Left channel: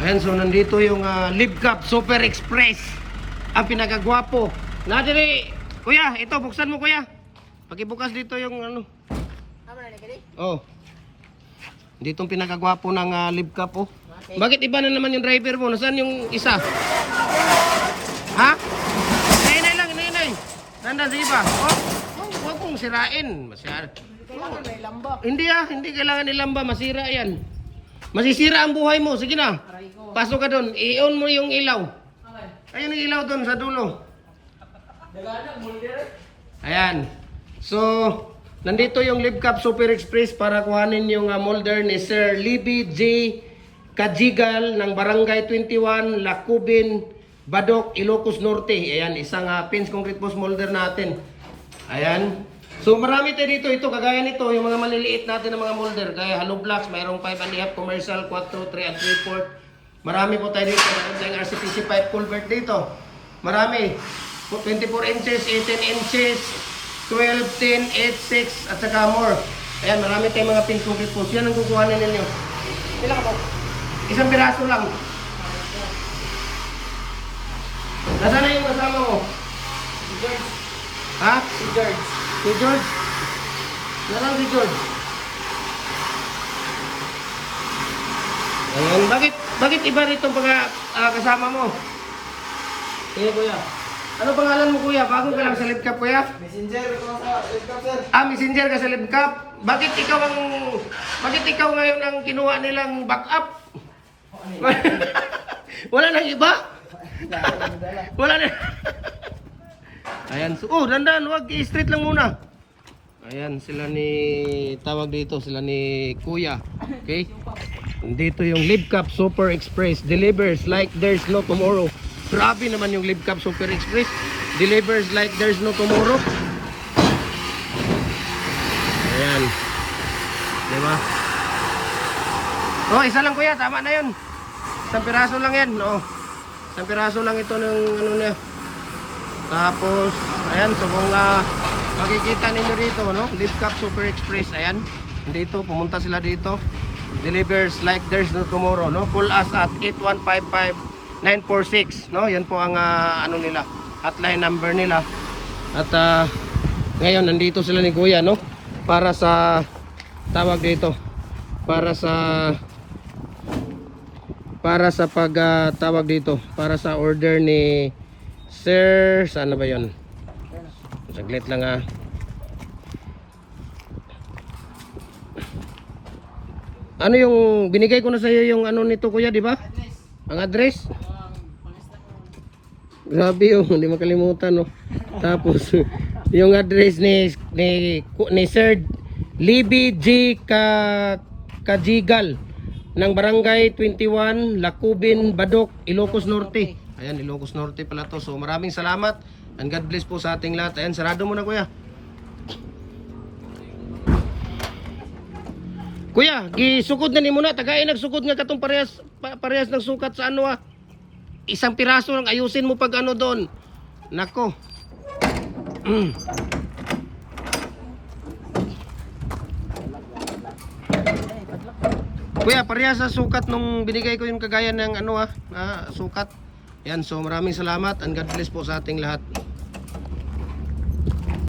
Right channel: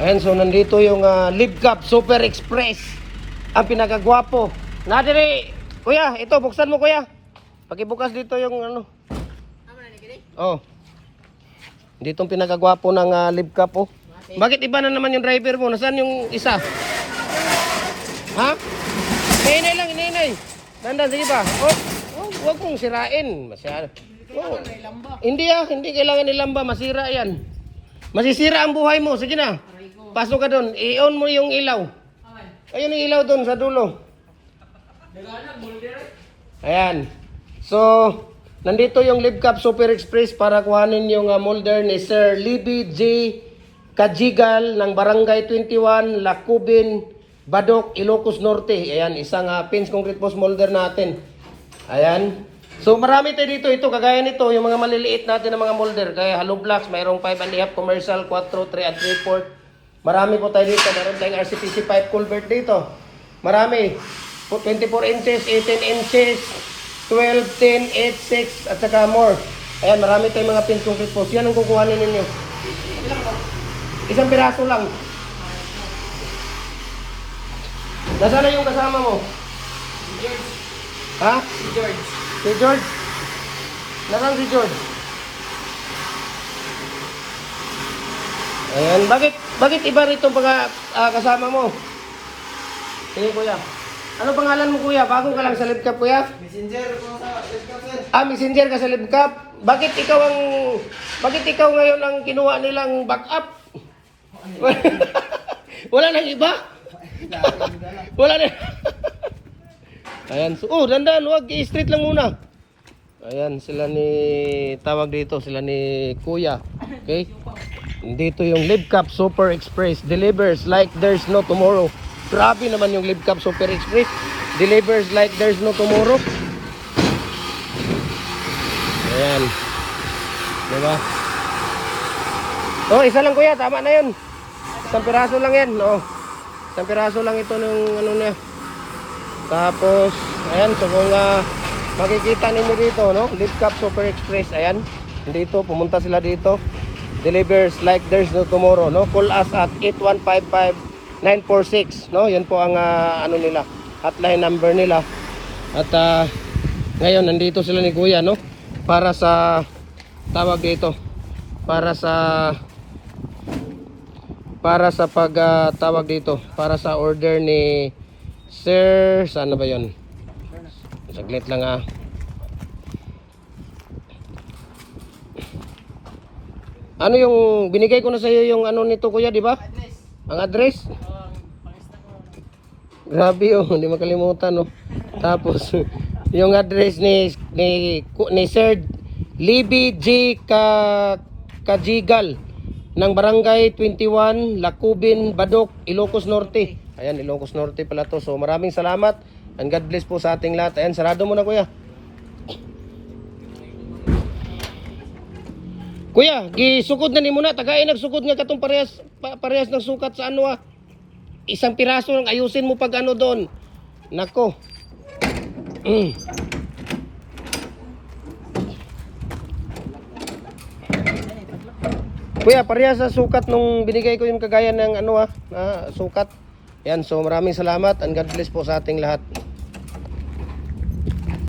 Ayan, so nandito yung Live Cup Super Express. Ang pinakagwapo. Nadali, kuya, ito, buksan mo kuya. Pakibukas dito yung ano. Oh. Dito ang pinakagwapo ng Live Cup oh. Bakit iba na naman yung driver mo? Nasaan yung isa? Ha? Inay lang, inay. Dandan, sige pa. Oh, huwag mong sirain. Masyado. Kailangan may lamba. Hindi kailangan ilamba, masira yan. Masisira ang buhay mo, sige na. Pasok ka doon, i-on mo yung ilaw. Ayun yung ilaw doon sa dulo. Ayan. So, nandito yung Live Cup Super Express para kuhanin yung molder ni Sir Libby J. Kajigal ng Barangay 21, Lacubin, Badok, Ilocos Norte. Ayan, isang pins concrete post molder natin. Ayan. So marami tayo dito, ito kagaya nito, yung mga maliliit natin na mga molder, kaya hollow blocks, mayroong 5.5 commercial, 4, 3 and 3/4. Marami po tayo dito, mayroon tayong RCPC pipe culvert dito. Marami. 24 inches, 18 inches, 12, 10, 8, 6 at saka more. Ayan, marami tayong mga pins concrete post. Yan ang kukuhanin ninyo. Ilang ako? Isang piraso lang. Nasaan na yung kasama mo? Si George. Ha? Si George. Si George? Nasaan si George? Ayan, bakit iba rito mga kasama mo? Sige kuya. Ano pangalan mo kuya? Bago ka lang sa Live Cup kuya? Messenger ko sa Live Cup, sir. Messenger ka sa Live Cup. Bakit ikaw ngayon ang kinuha nilang backup? Wala nang iba? Wala na. Ayan, so, dandan, wag i-street lang muna. Ayan, sila ni sila ni Kuya. Okay? Dito yung Live Cup Super Express delivers like there's no tomorrow. Grabe naman yung Live Cup Super Express delivers like there's no tomorrow. Ayan. Diba? Oh, isa lang kuya, tama na yun. Isang piraso lang yan. Oh. Isang piraso lang ito ng ano na. Tapos, ayan, so kung makikita ninyo dito, no? Live Cup Super Express, ayan. Dito, pumunta sila dito. Delivers like there's no tomorrow, no? Call us at 8155-946, no? Yan po ang ano nila, hotline number nila. At ngayon, nandito sila ni Kuya, no? Para sa, tawag dito, para sa tawag dito, para sa order ni Sir, saan na ba yun? Saglit lang Ano yung binigay ko na sa iyo yung ano nito kuya, di ba? Ang address? Grabe yung hindi makalimutan no. Tapos yung address ni Sir Libby J. Kajigal ng Barangay 21, Lacubin, Badok, Ilocos Norte. Ayan, Ilocos Norte pala to. So maraming salamat and God bless po sa ating lahat. Ayan, sarado mo na kuya. Kuya, gisukod na ni muna. Tagay nagsukod nga katong parehas ng sukat sa ano Isang piraso lang ayusin mo pag ano doon. Nako. Kuya, parehas sa sukat nung binigay ko yung kagaya ng ano na sukat. Yan, so maraming salamat and God bless po sa ating lahat.